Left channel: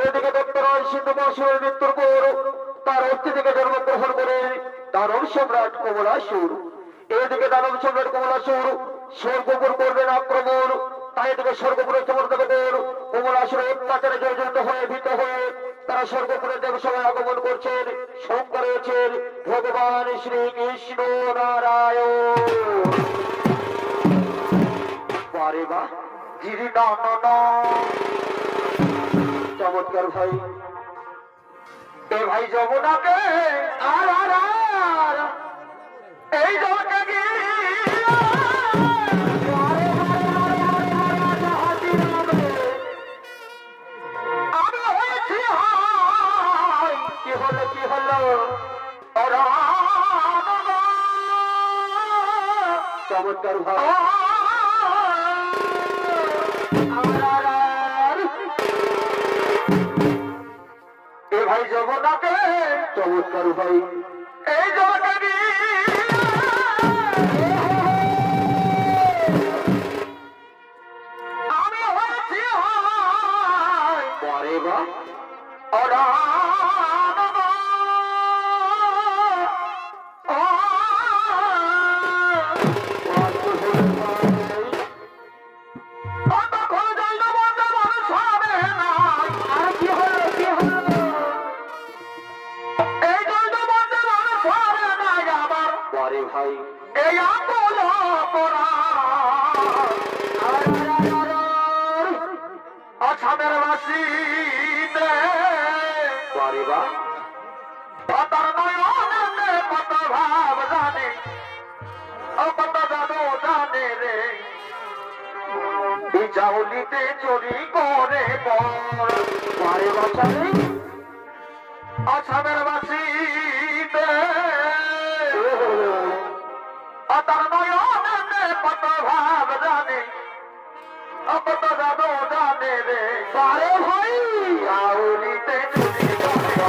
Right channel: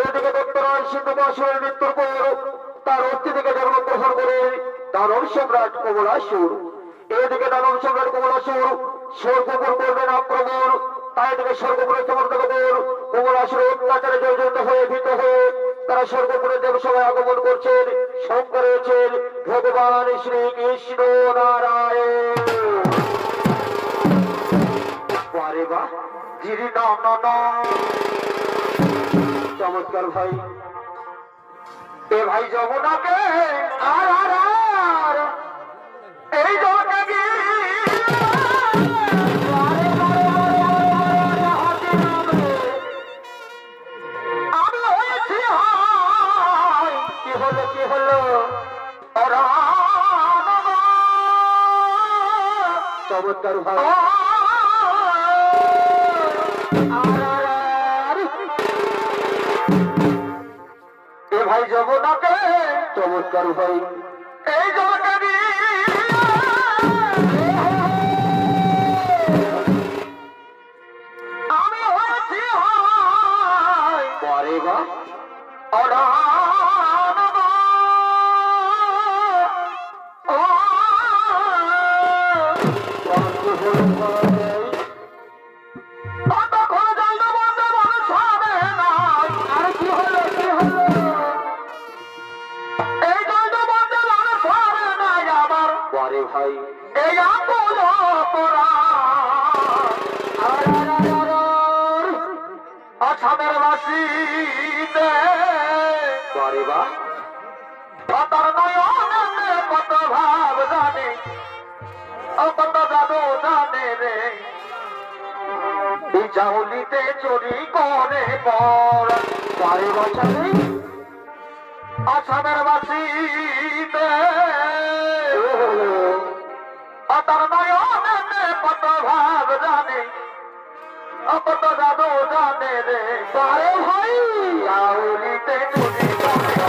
এদিকে দেখতে নয় সিন্ধু মহাশয়ের মৃত্যুর পর তার অস্থি থেকে জন্মগ্রহণ করে দানব সম্রাট কমলাসুর। এদিকে দানব সম্রাট কমলাসুর স্বর্গপুর করবেন আক্রমণ। তাই থেকে স্বর্গপুরের সমর্থকগণ কমলাসুরের অত্যাচারে জর্জরিত হয়ে ভীত হয়ে তারা স্বর্গপুরের দেবসভায় আগমন করছেন। সঙ্গ করেছেন ভগবান শ্রীকৃষ্ণ নারায়ণ। বারে বা জিরি না চমৎকার ভাই। এ ভাই যমুনাকে আর আর আর এই জগৎকে আমি হয়েছি কি হলো কি হলো চমৎকার ভাই। এ ভাই যমুনাকে চমৎকার ভাই এই জগৎকে আমি হয়েছি পরে বা ভাই এই আসামের বাসী কত ভাব জানে কত জাদু জানে রে চাউলিতে চুরি করে পর আসামের বাসী কত ভাব জানে কত জাদু জানে রে ভাই চাউলিতে চুরি করে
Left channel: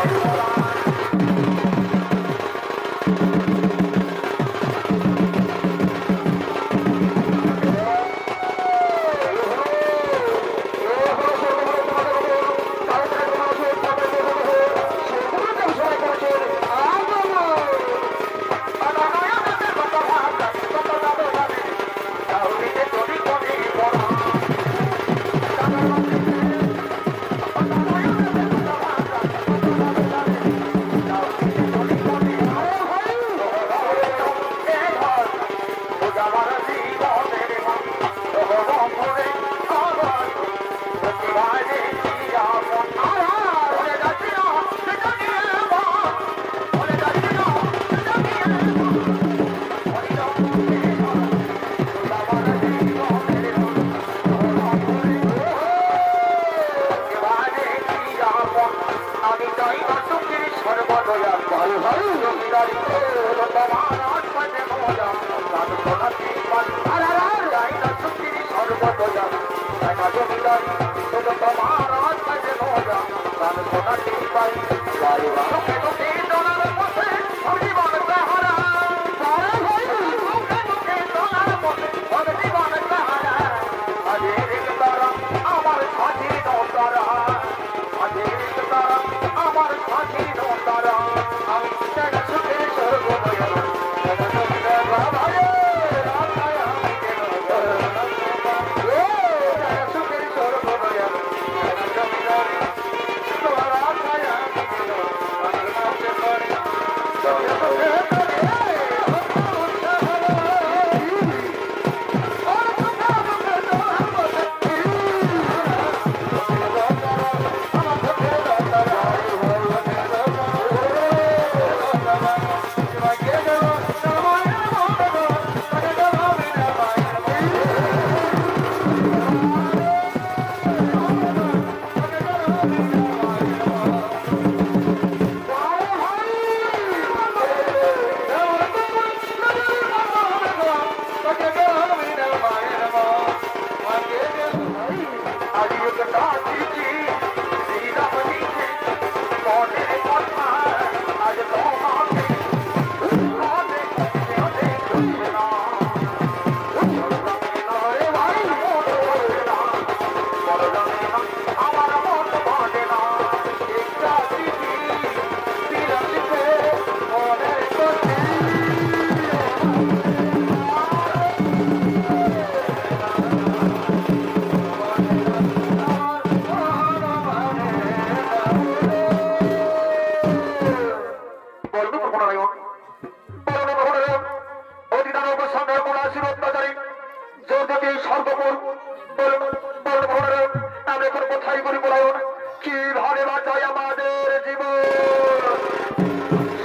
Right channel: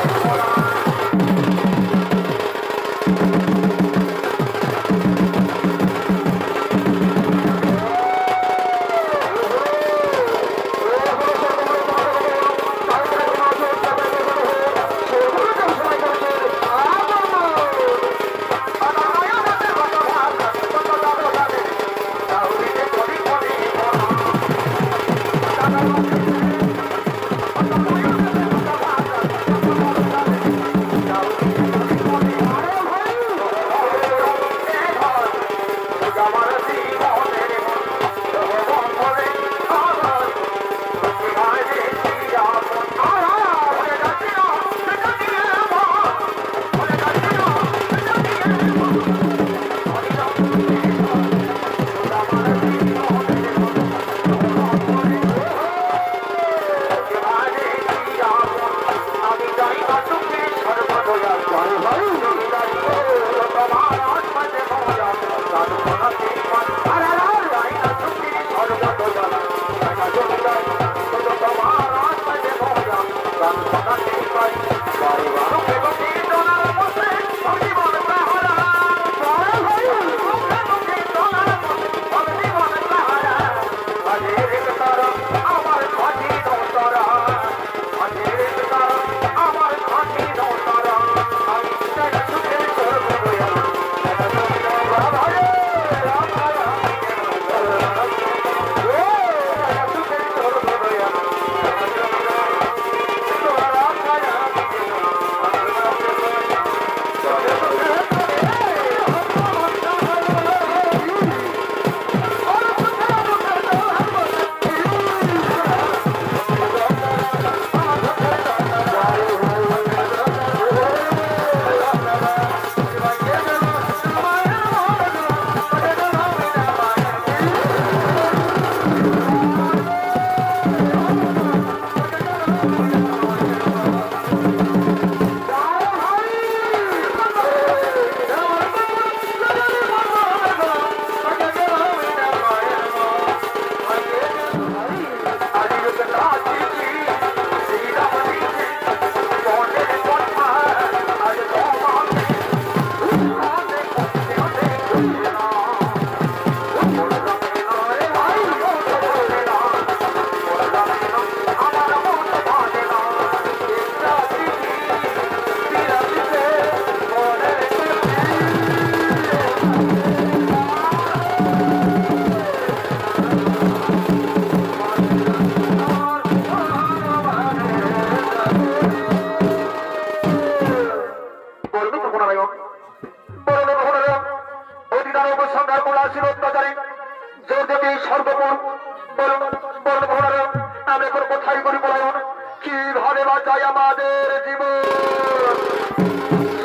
কিভাবে বাঁচাই আমাদের জীবন।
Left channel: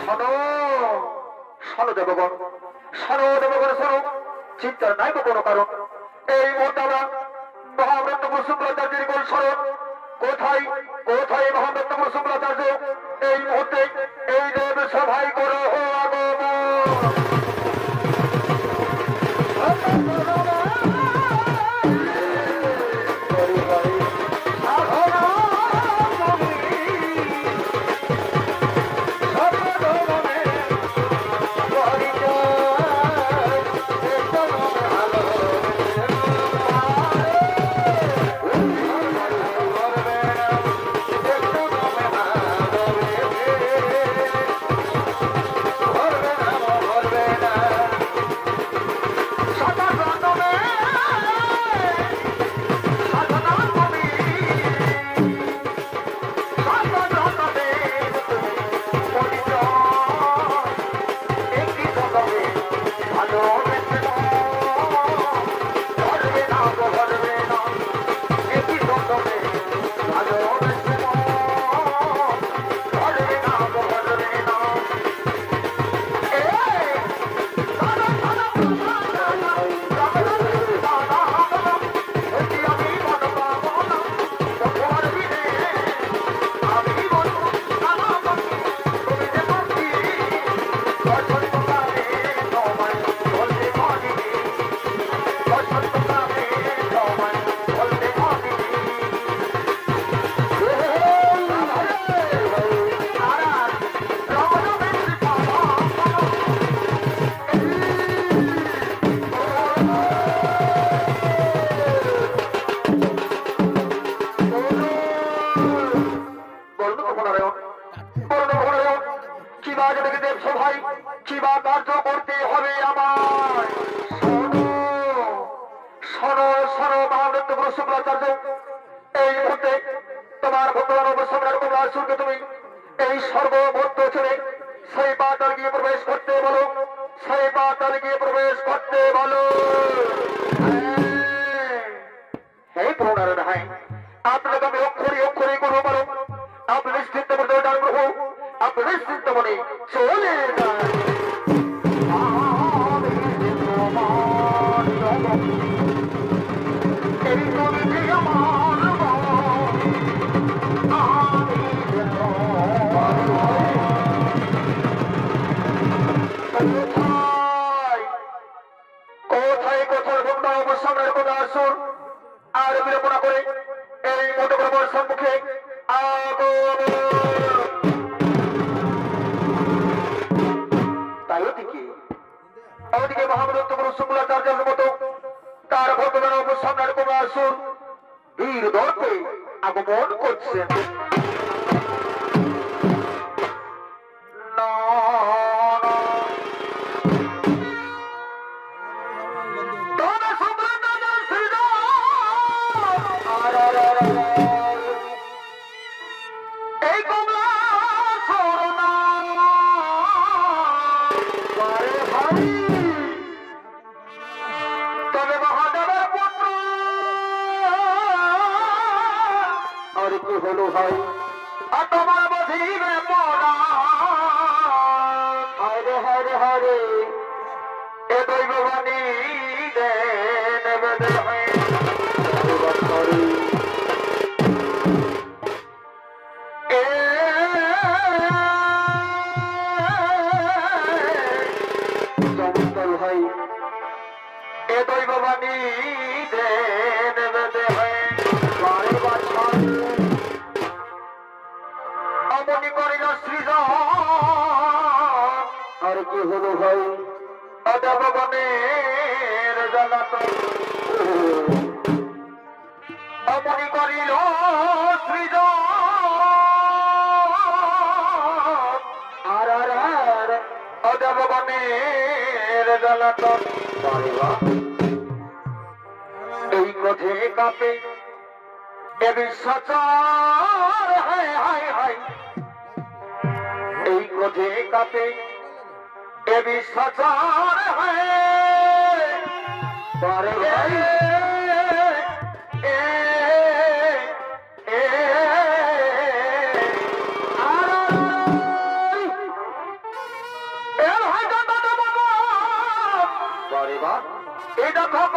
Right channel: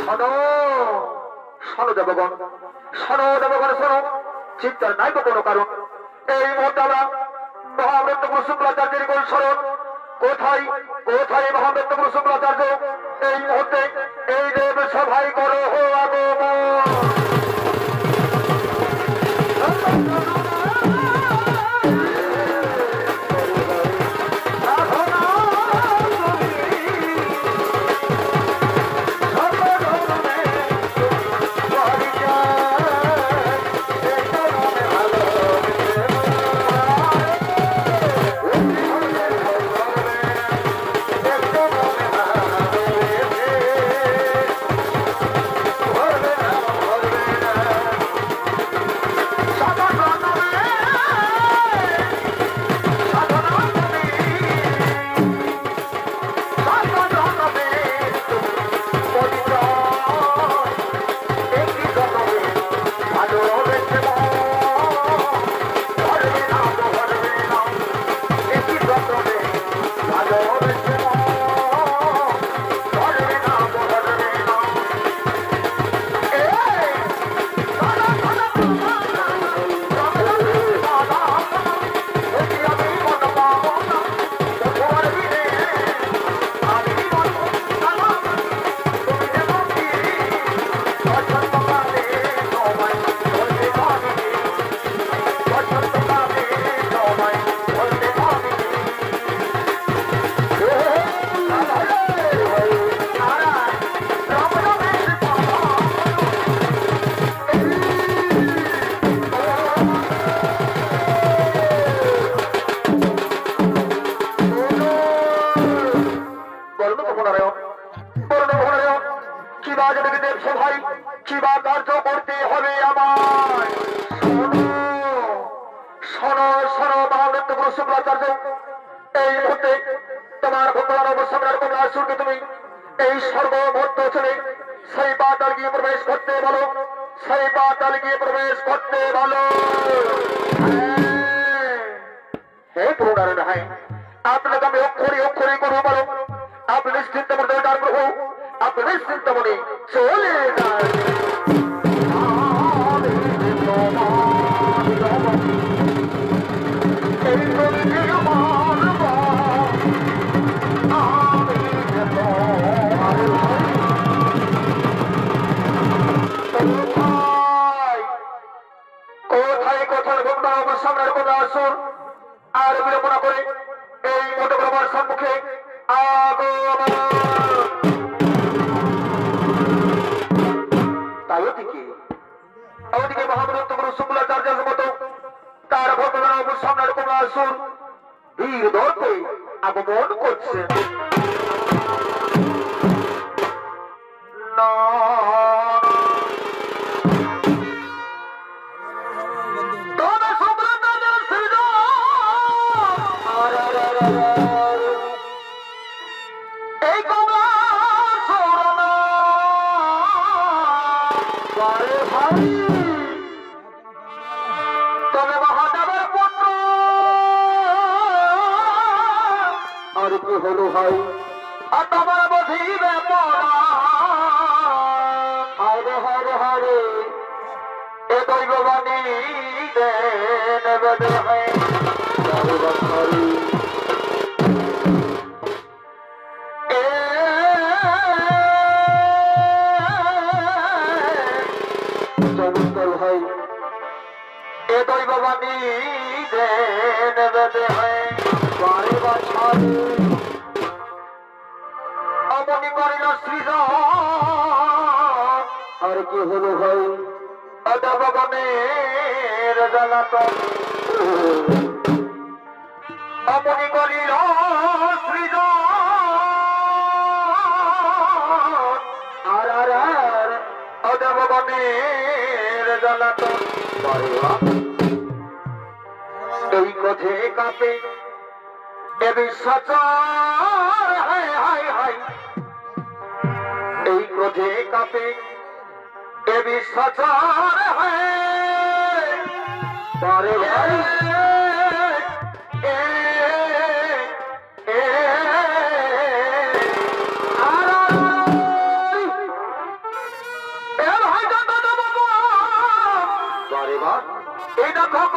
শোনো শোনো দেবগণ, শোনো দেবগণ, শোনো, চিন্তার নাই কোনো কারণ। এই মুহূর্তে আমরা মহামৃত্যু শুক্রাচার্যের গোল স্মরণ। কোথায় কোথায় মহামৃত্যু শুক্রাচার্য? এই মুহূর্তে এই দেব সভায় করো আগমন।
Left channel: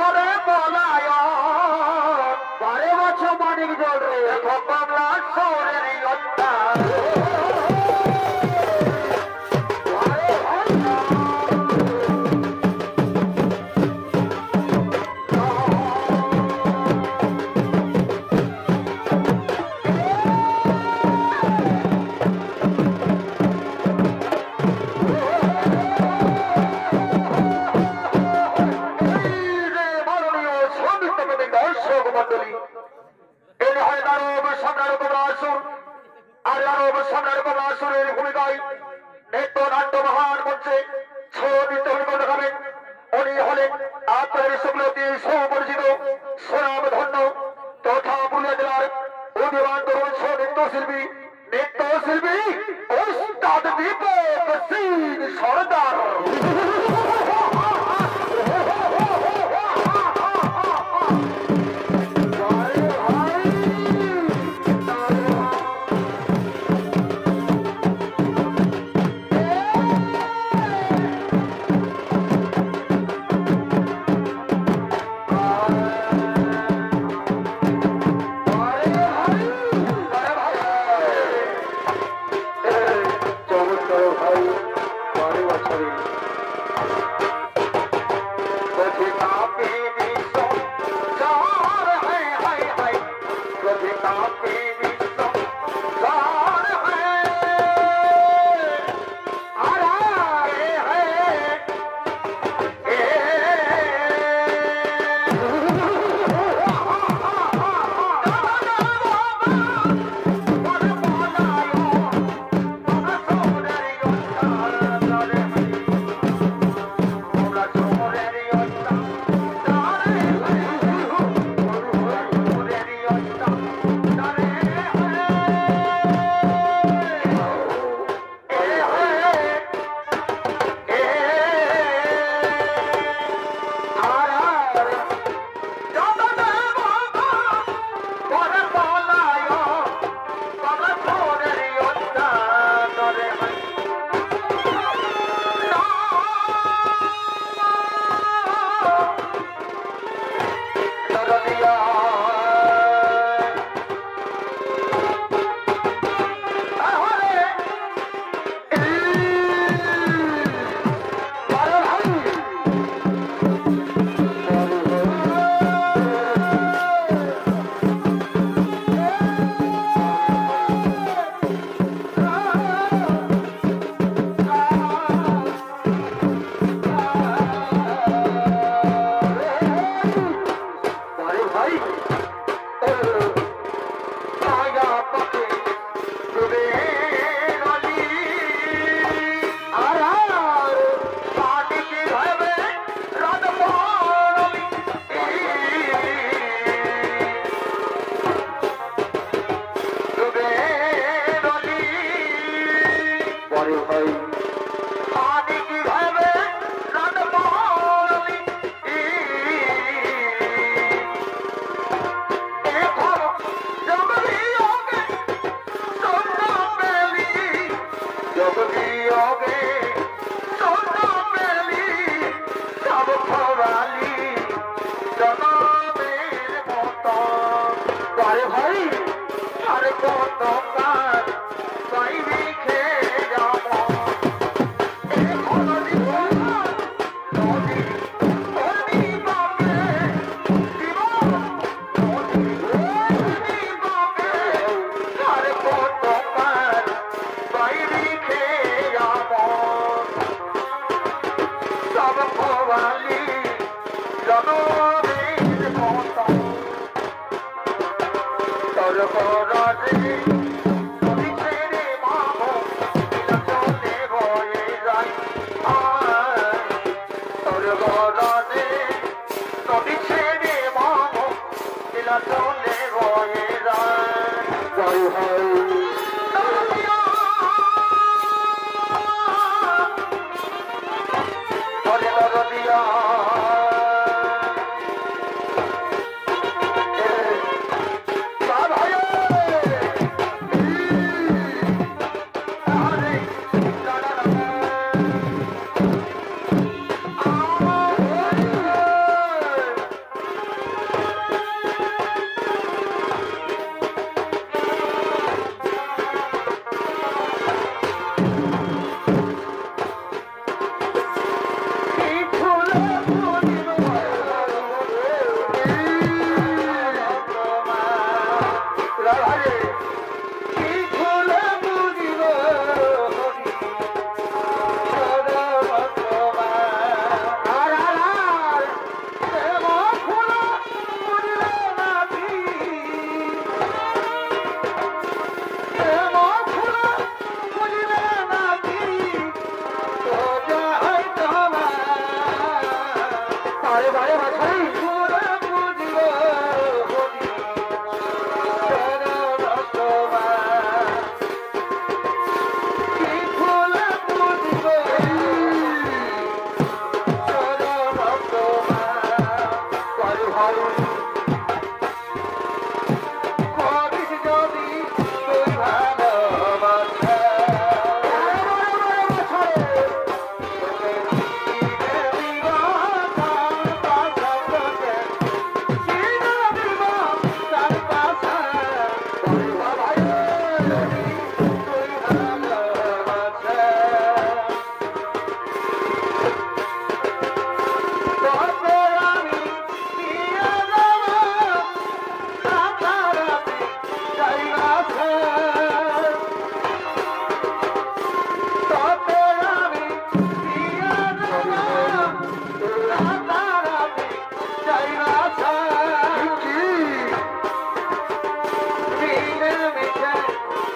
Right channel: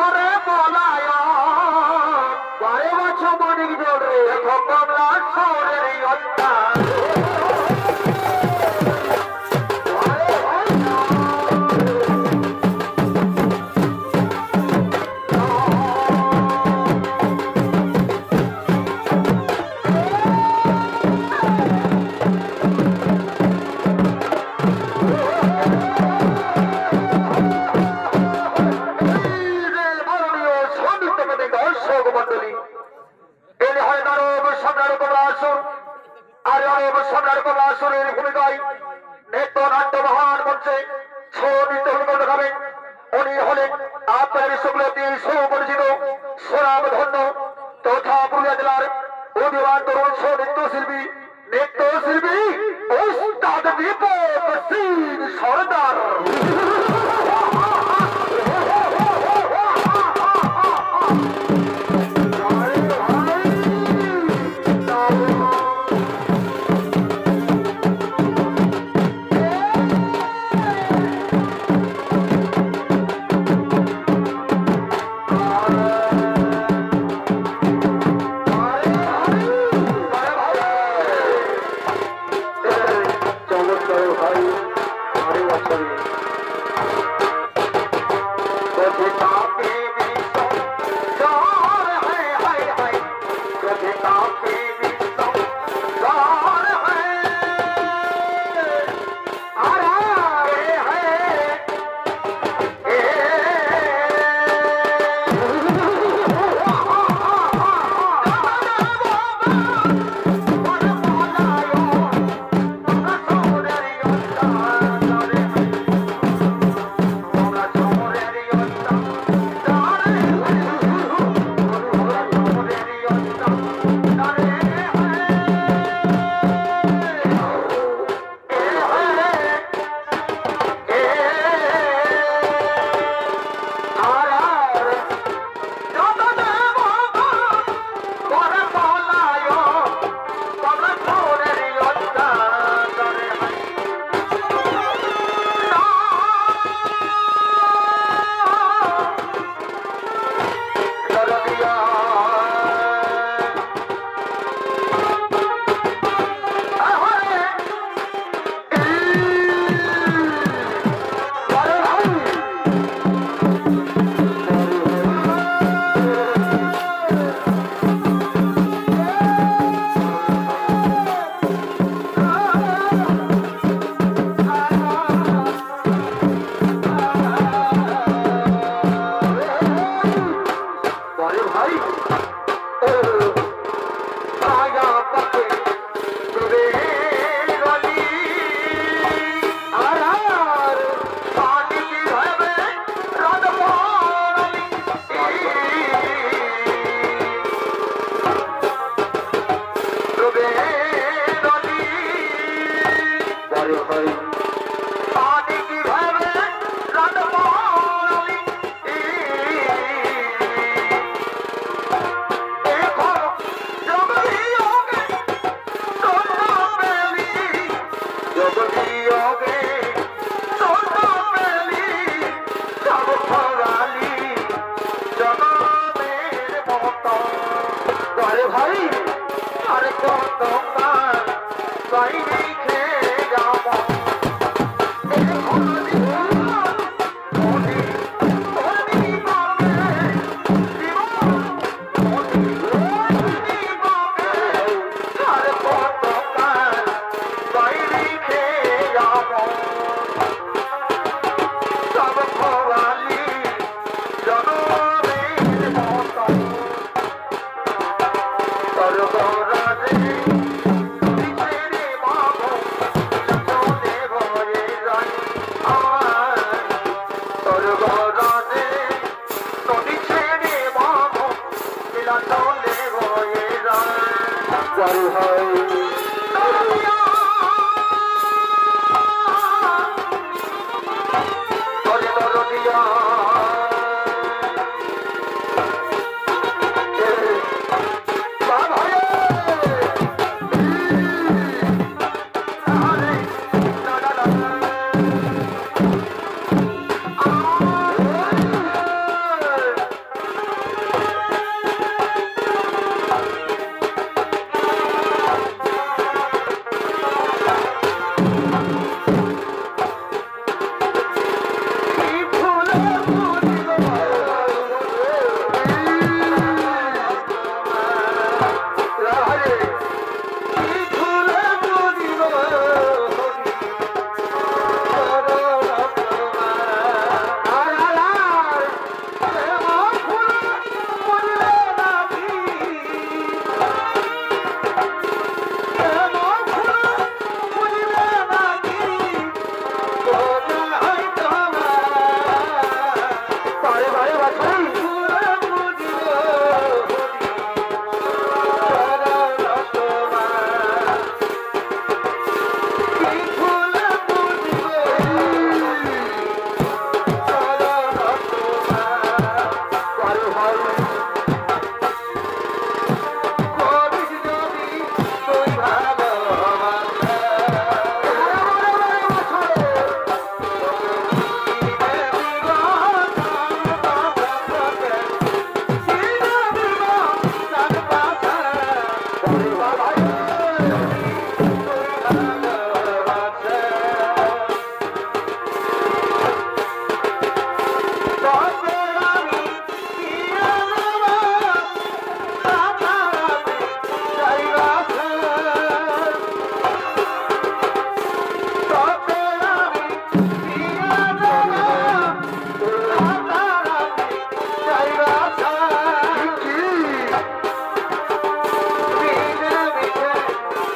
করে বলায় বারে বছর মানিক জোরে দেখো কমলা সৌরের হত্যা সরদার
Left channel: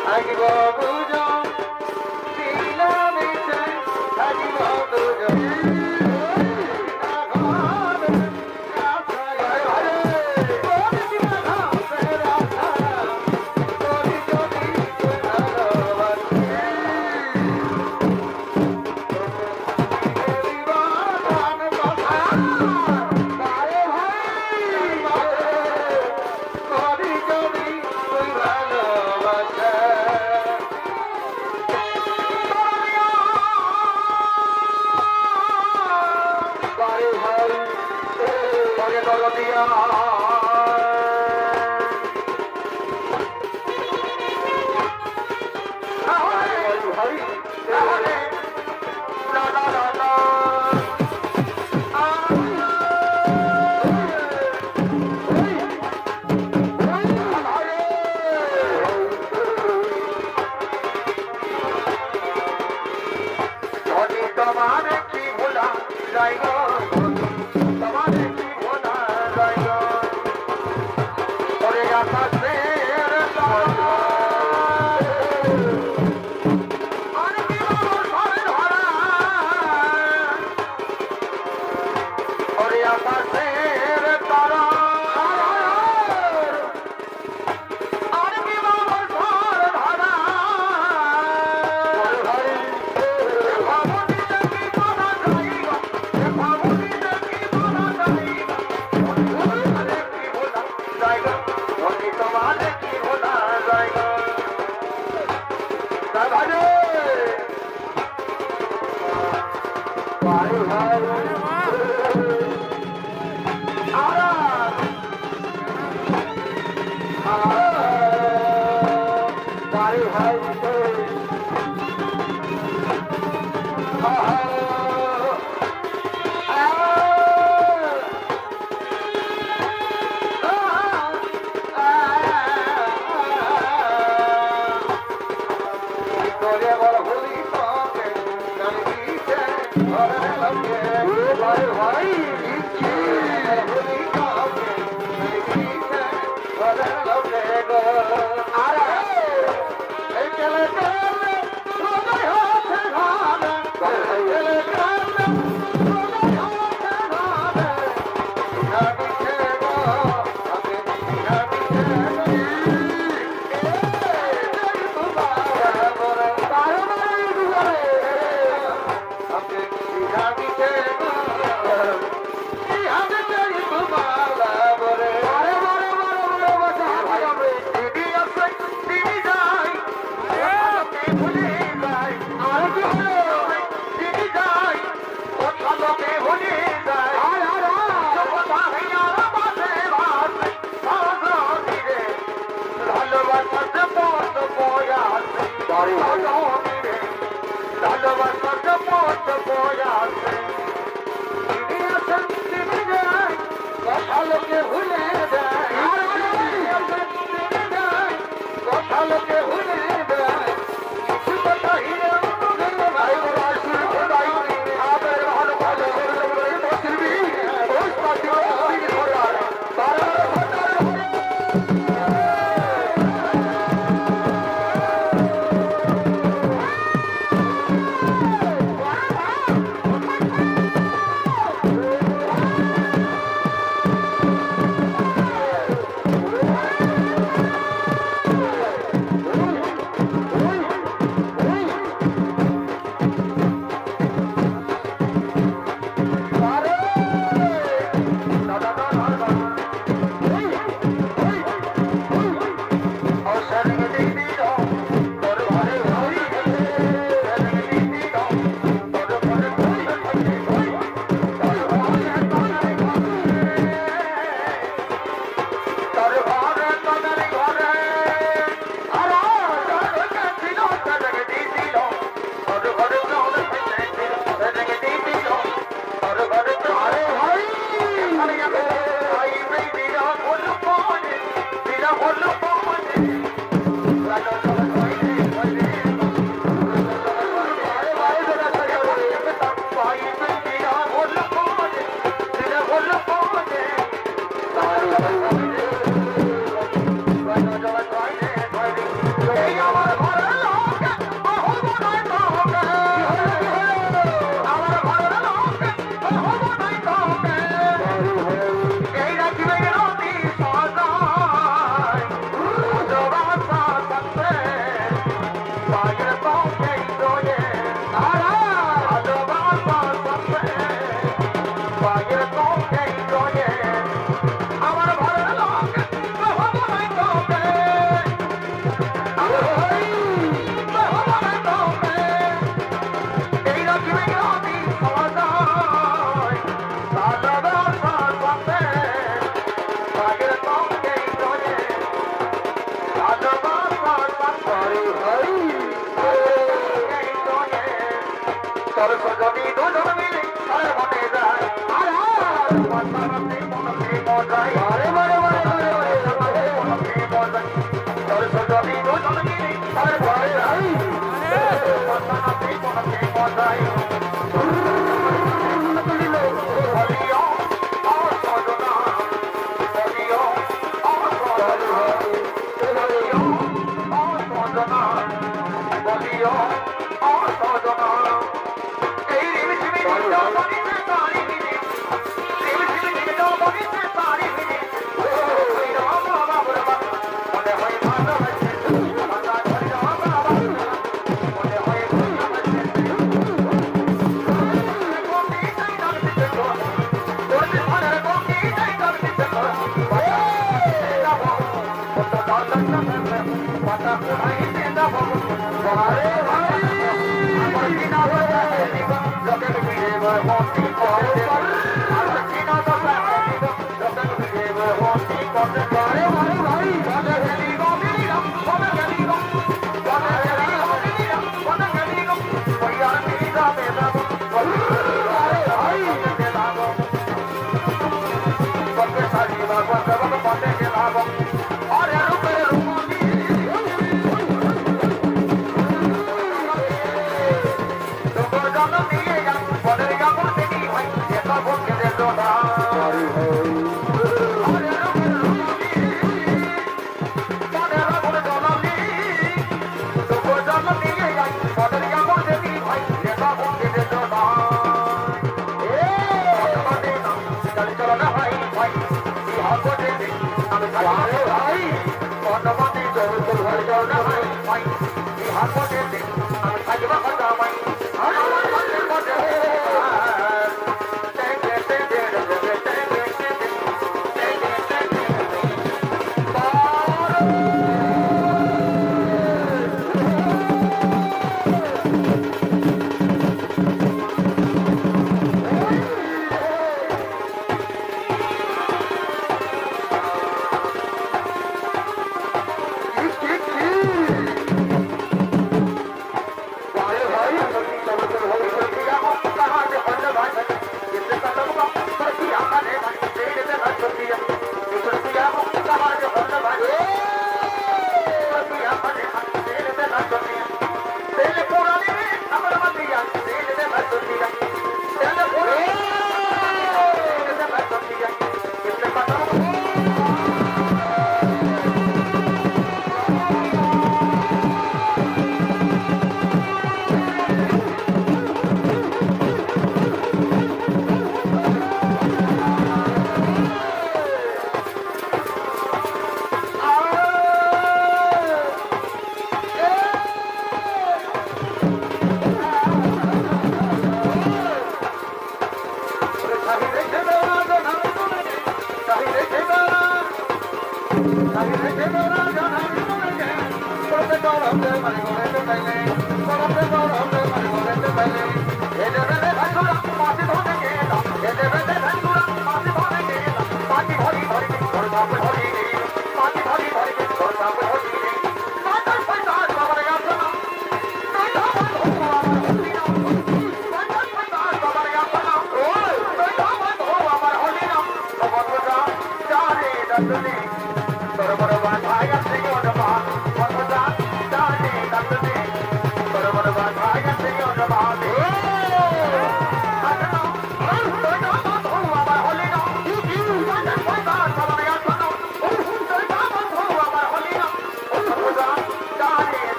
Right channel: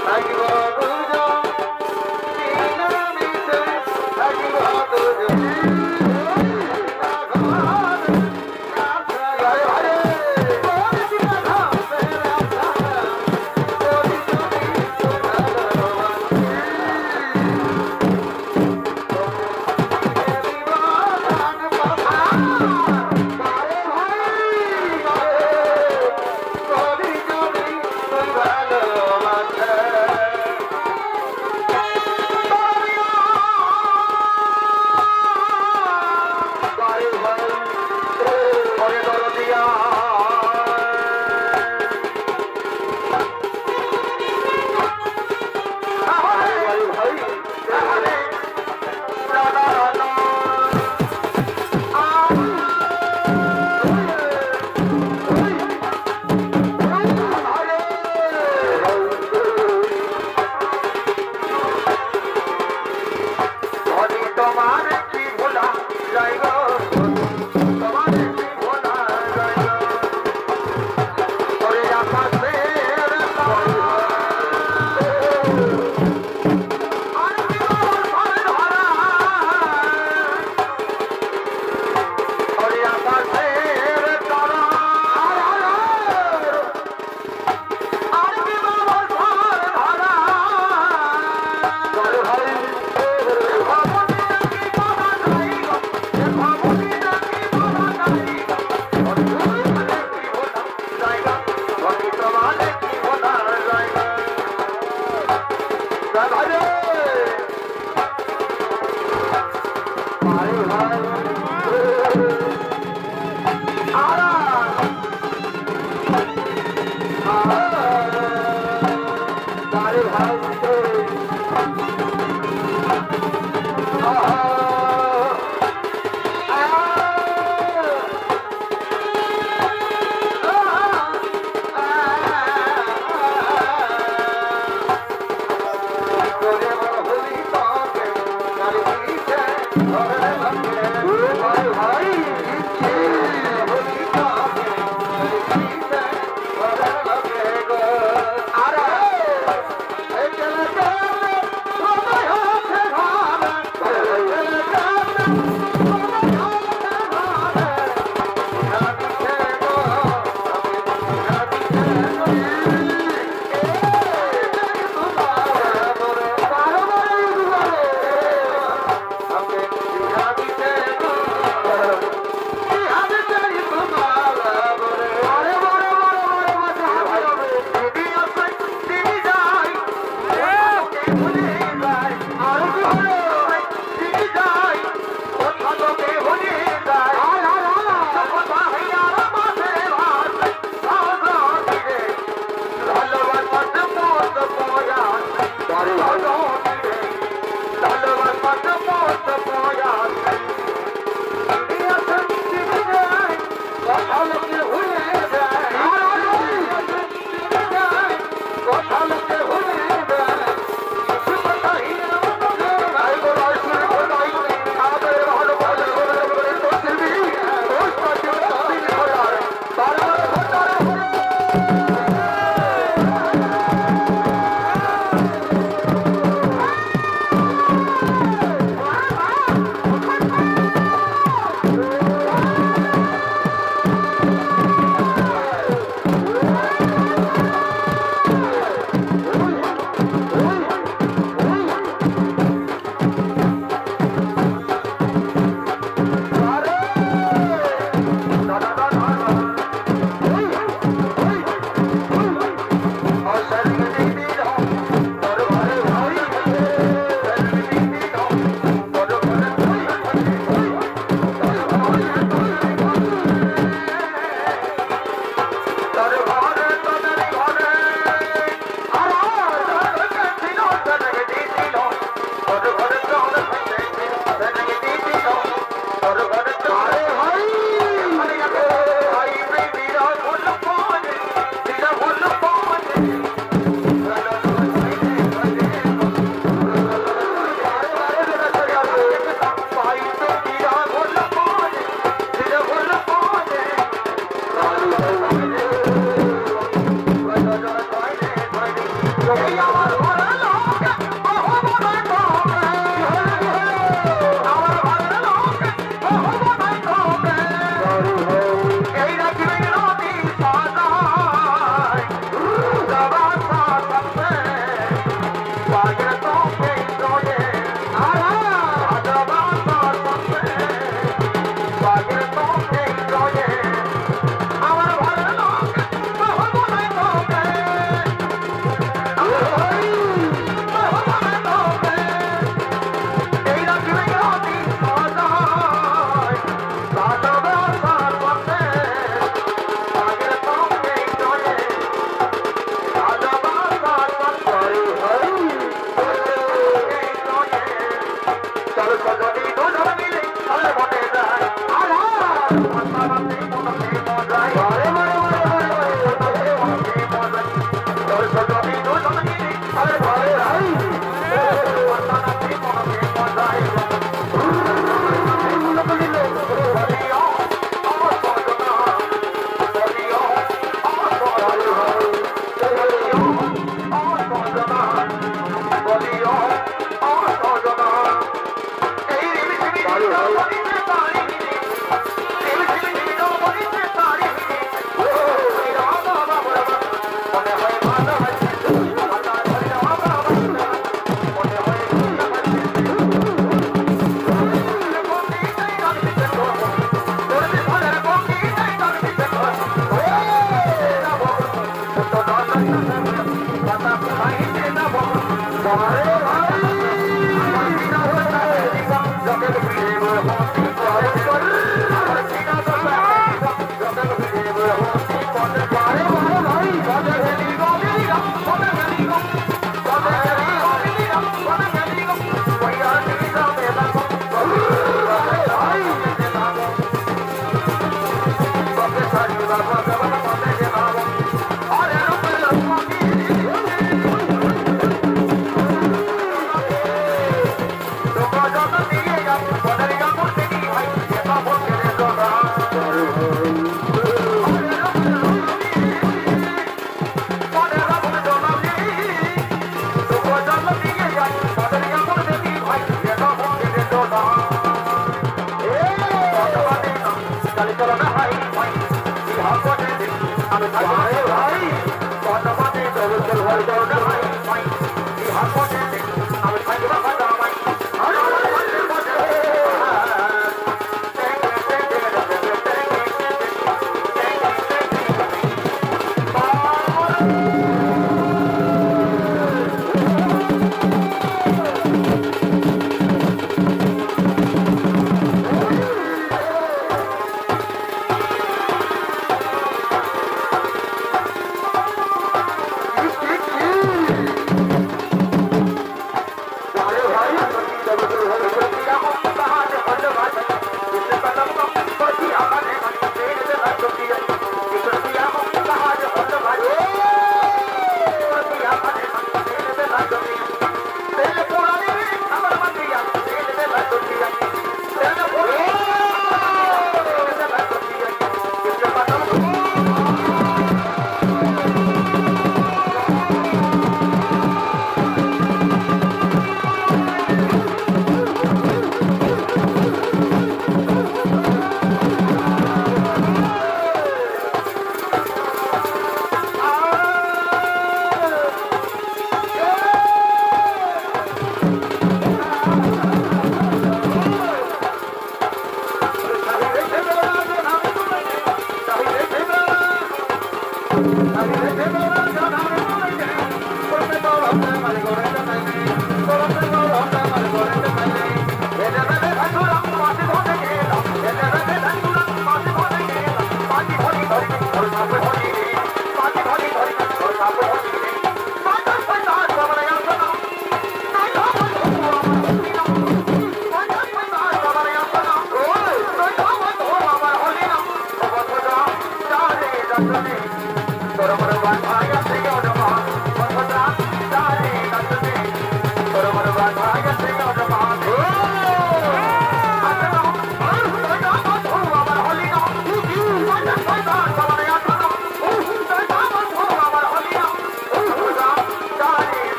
Oh!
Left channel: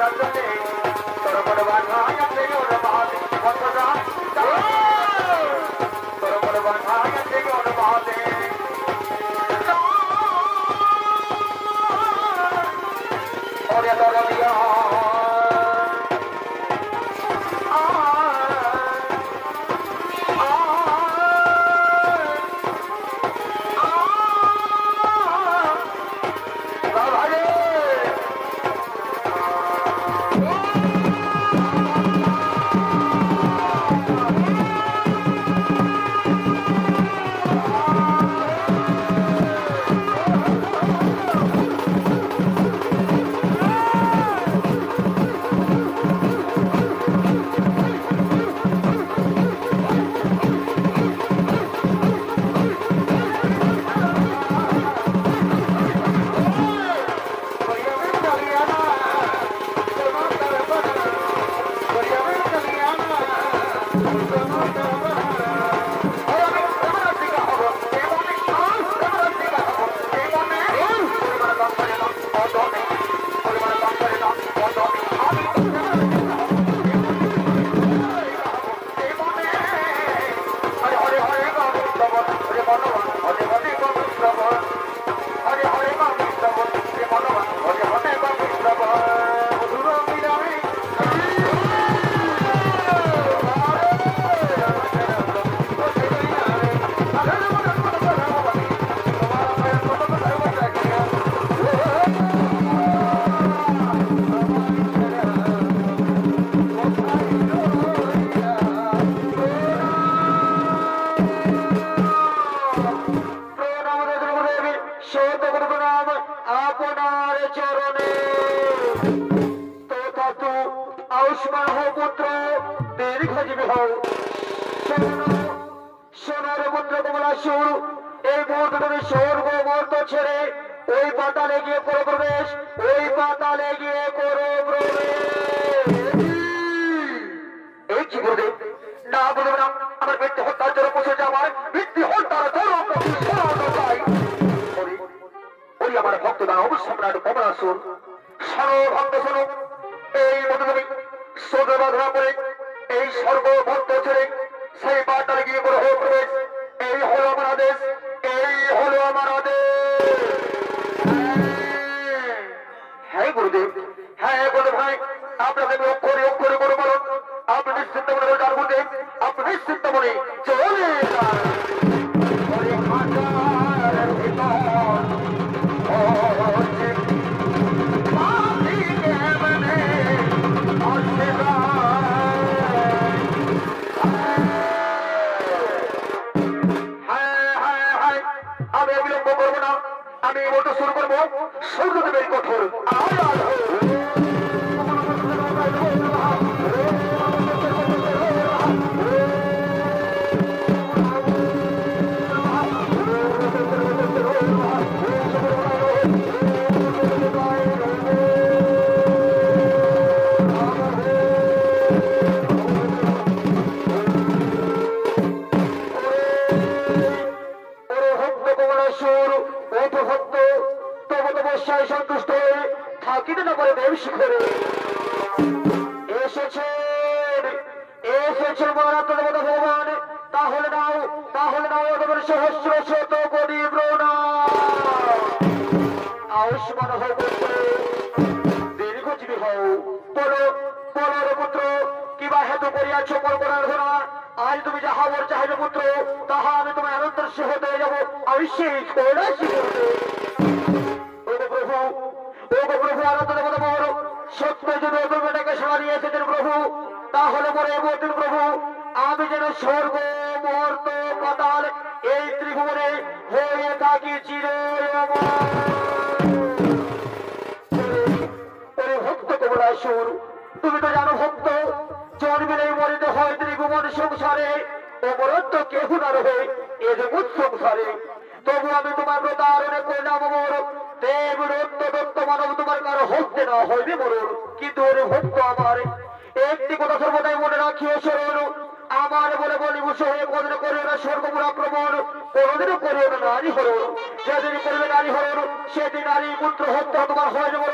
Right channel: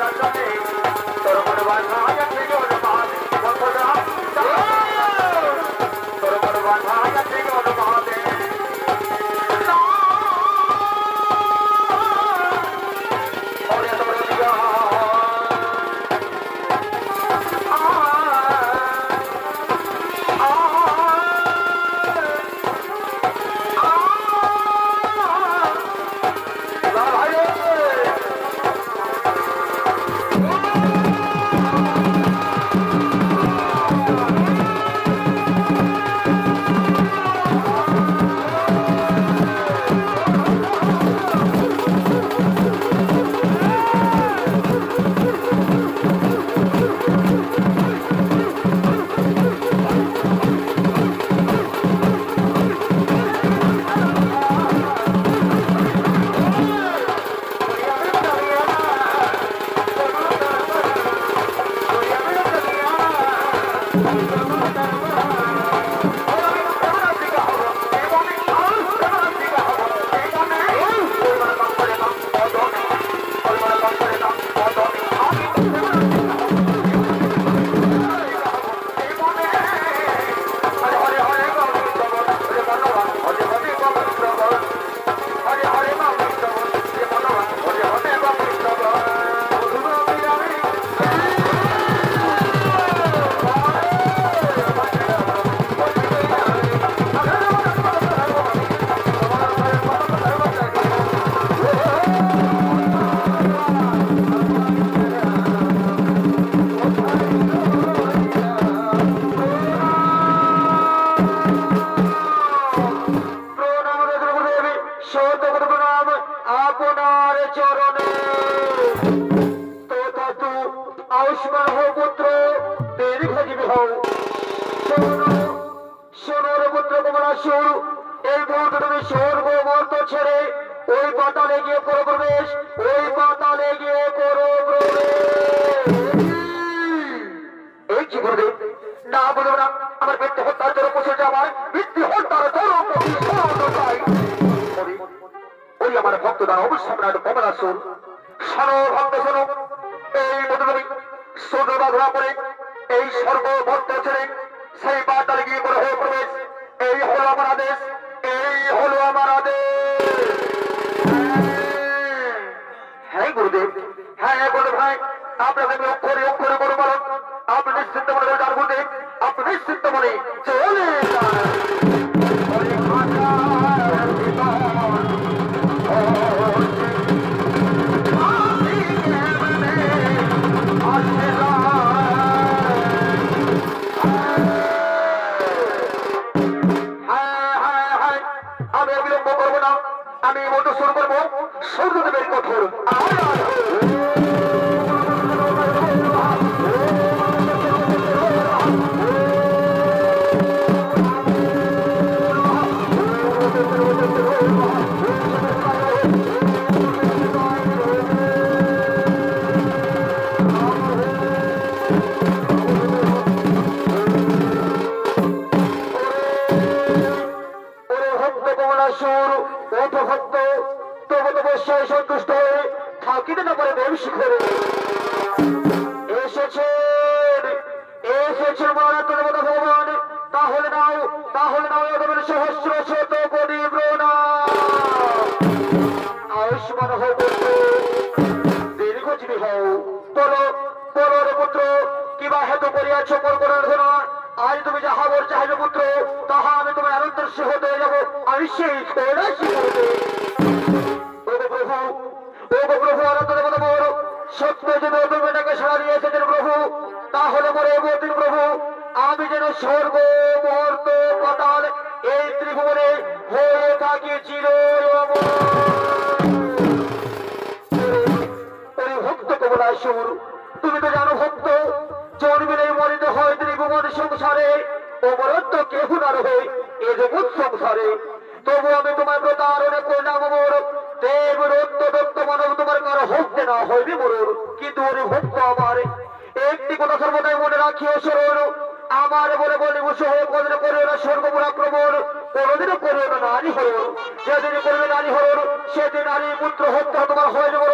তোর মন বাধা আছে অনুমান বন্ধনা তোর মন বাধা আছে অনুমানে ওরে লড়িয়া সেদিন নারী পুত্র হত্যা তোমার হয়ে যাবে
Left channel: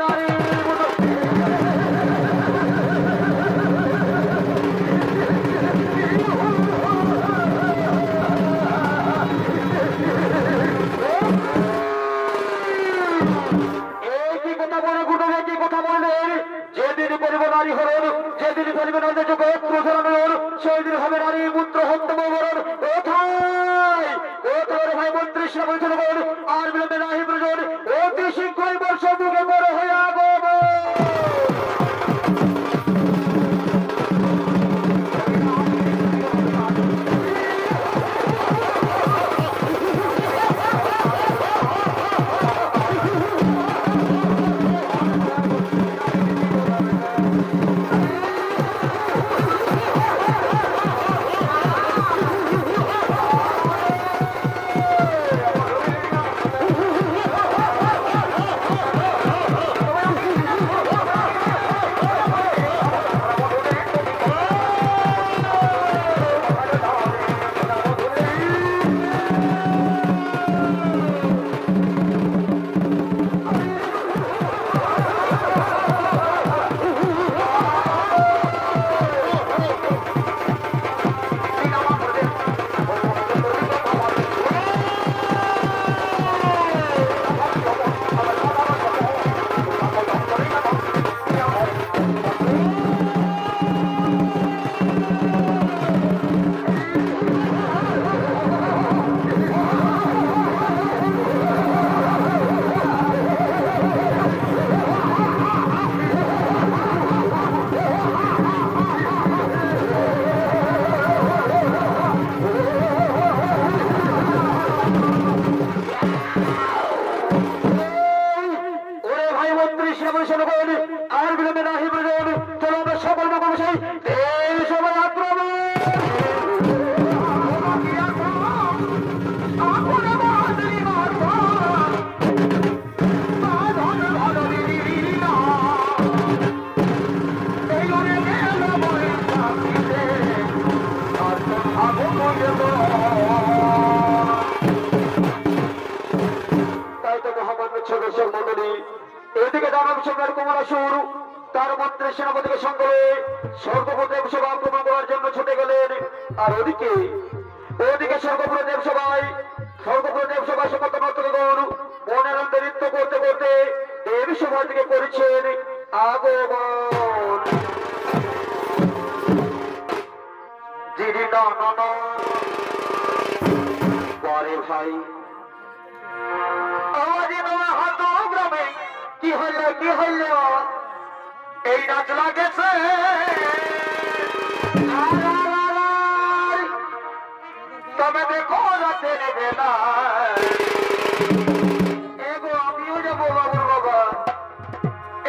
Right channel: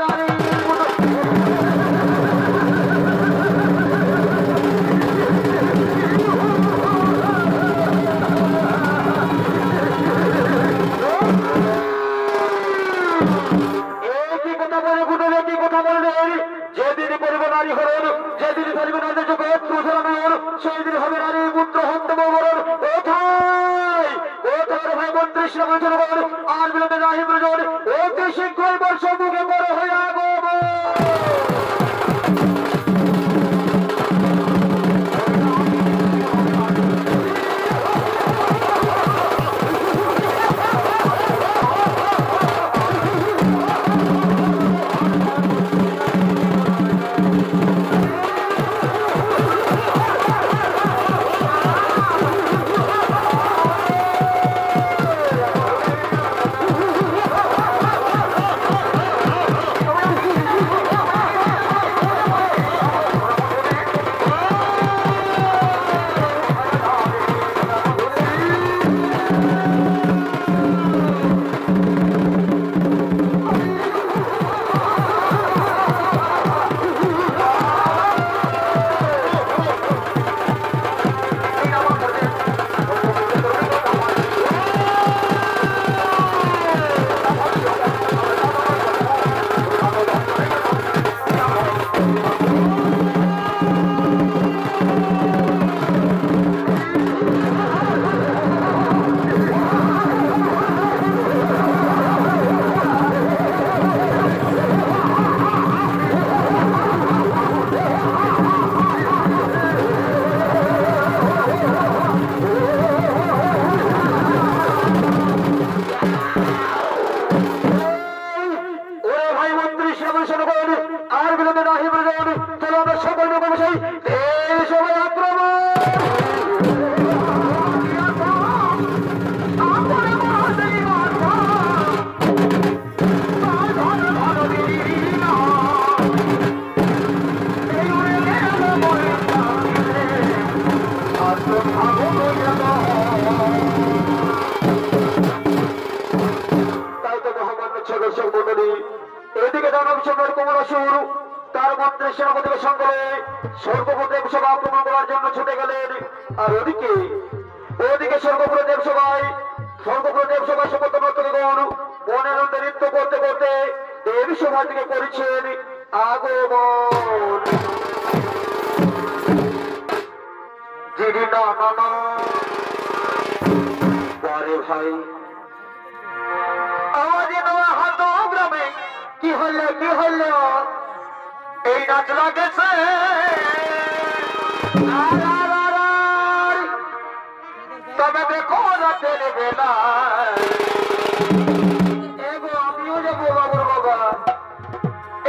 নারী পুত্র নারী হরণ, যেদিন ফেলবে নারীদের চোখে অশ্রু ঝরানোর, সেই দিন হবে নারী পুত্র হত্যা মরণ। কোথায় কোথায় ভাই মন্ত্রী শ্রমণ জনগণ, আর বিলম্বে নাহি প্রয়োজন, অতি শীঘ্রই বর্ষ মুখে বড় হয়ে আগমন। আর বিলম্বে নাহি প্রয়োজন, চলো আমরা সকল নববর্ষই এই সময় আক্রমণ। তাই তো মহামান্য দর্শক মন্ডলী, এদিকে দানব সম্রাট কমলাসুর তার মন্ত্রী সেনাপতিকে সঙ্গে স্বর্গপুরে দেবসভা আক্রমণ করার জন্য ছুটে গেলেন। আর ওদিকে স্বর্গপুরে দেবসভায় সমস্ত নর্তকগণ মনের আনন্দে নৃত্য করতে করতে দেবী সভার দিকে করেছেন আগমন। ভাই কি হইল এই নাচ লাগেছে, তবে দেখো রাতের বেলা এগো আমিও যাবো বাবুর বাবা।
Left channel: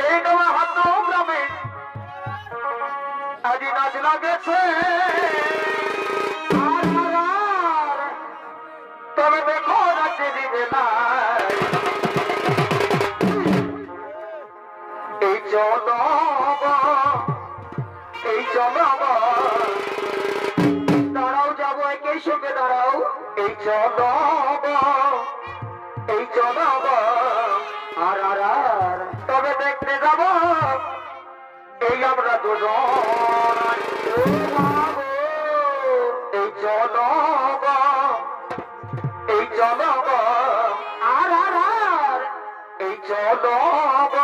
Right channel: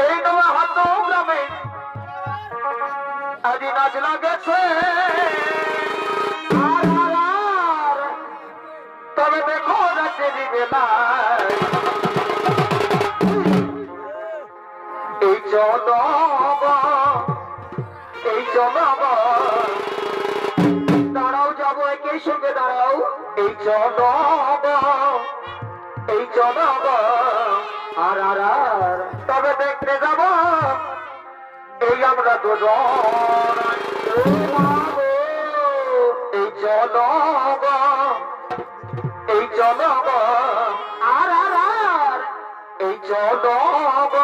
এই নয়া হাত গ্রামে আজ নাচ লাগেছে, তবে দেখো রাতের বেলা এই জনগ দাঁড়াও, যাবো একই সঙ্গে দাঁড়াও। এই জনগ আর তবে দেখতে যাব এই আমরা দুজন। এই জনগ আর এই জনগ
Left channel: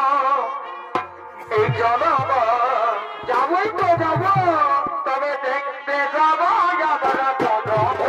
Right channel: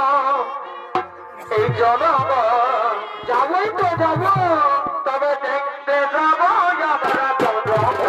যাবই তো যাব, তবে দেখতে যাব আমরা জনগ।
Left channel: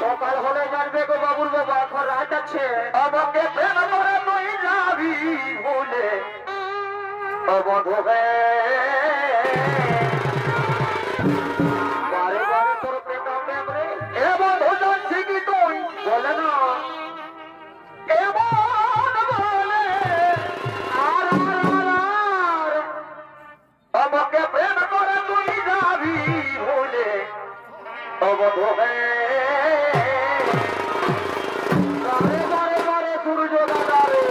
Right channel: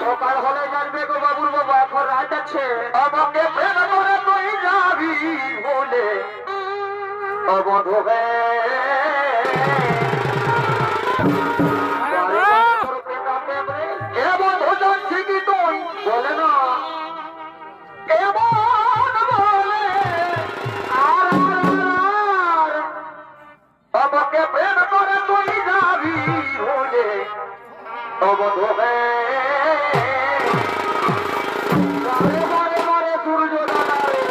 সকাল হলে জানবে গো বাবুর বাবা, এখন রাত আছে। আমাকে প্রেম করে তুই যাবি বলে অবধ এমন ভোজন ঠিকই তুই বলে না, এমন বলে আর আমাকে প্রেম করে তুই যাবি বলে অবধ সূর্য দাদা রে,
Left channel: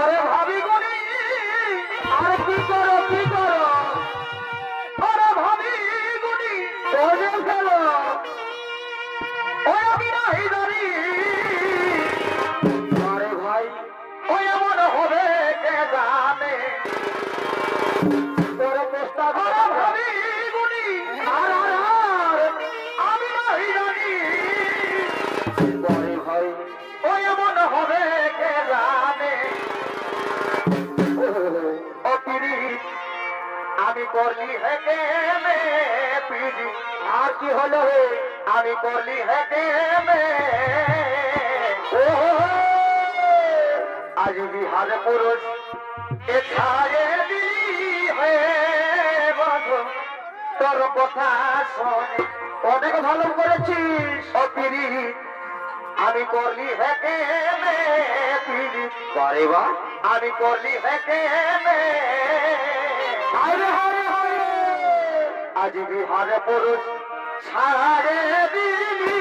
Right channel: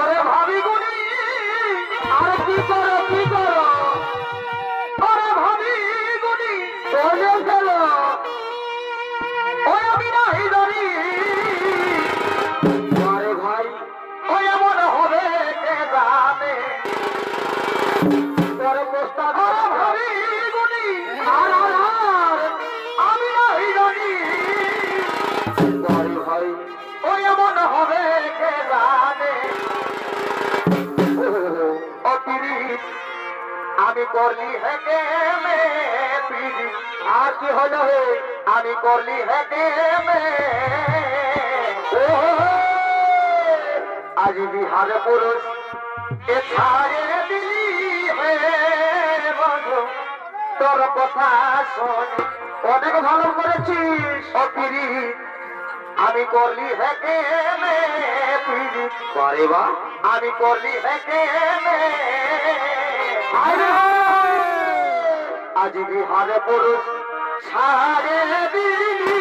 আরে ভাবি গুনি আর কি করো কি করো, আরে ভাবি গুনি বলে গেল ওই আমি নাই জানি। আরে ভাই ওই এমন হবে কে জানে, ওরে প্রস্তাব ভাবি গুনি আর আমি নাই জানি। আরে ভাই ওই এমন হবে কে জানে। আমি করলি হেঁটে মে পিজি আর কি হলো হে, আমি করলি হেঁটে মে আজ বিহার পুরুষ এ ছাড়ে দিলি হে বন্ধু, তোর কথা শোনে অনেক ভালো করেছিস অপিরি। আমি করলি হেঁটে মে পিজি বারে বা, আমি করলি হেঁটে মে আজ বিহার পুরুষ ছাড়ে দিলি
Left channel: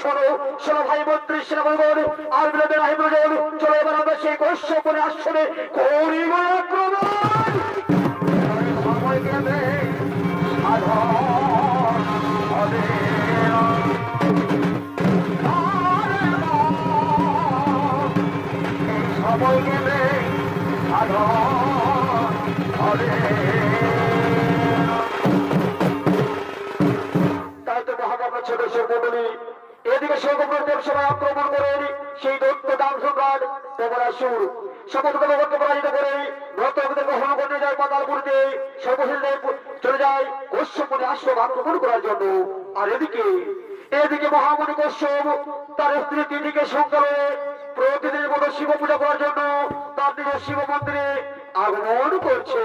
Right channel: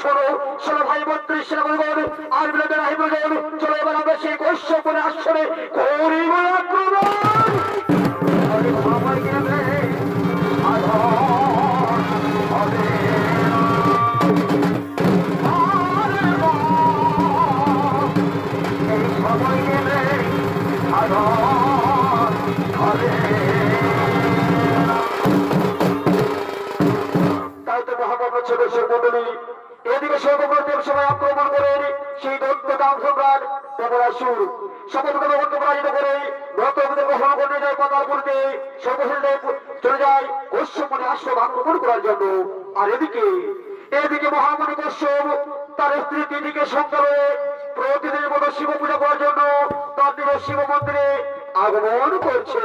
শোনো শোনো ভাই মন্ত্রী সেনাপতিগণ, আর বিলম্বে নাহি প্রয়োজন। চলো এবার আমরা সেই কৈশ্যপনে আসনে করিব আক্রমণ। সময় গেলে সময় গেলে হবে। তাই তো মহামান্য ছোট মন্ডলী এদিকে সর্বপ্রথম সবাই আক্রমণ করেন সেই দত্ত দাম সম্রাট কমলাসুর শপথকে পরাজিত করে নর্তকদের গ্রহণ করে যায় পাতালপুরকে সর্বশেষ চলে যায় কশ্যপনে আশ্রম আক্রমণ করার জন্য। আর এদিকে মহামণি কশ্যপ তার স্ত্রী তিথিকে সঙ্গে প্রতিদিনের মতো শিব পূজা করার জন্য তার নিজের শিব মন্দিরে আগমন করছে।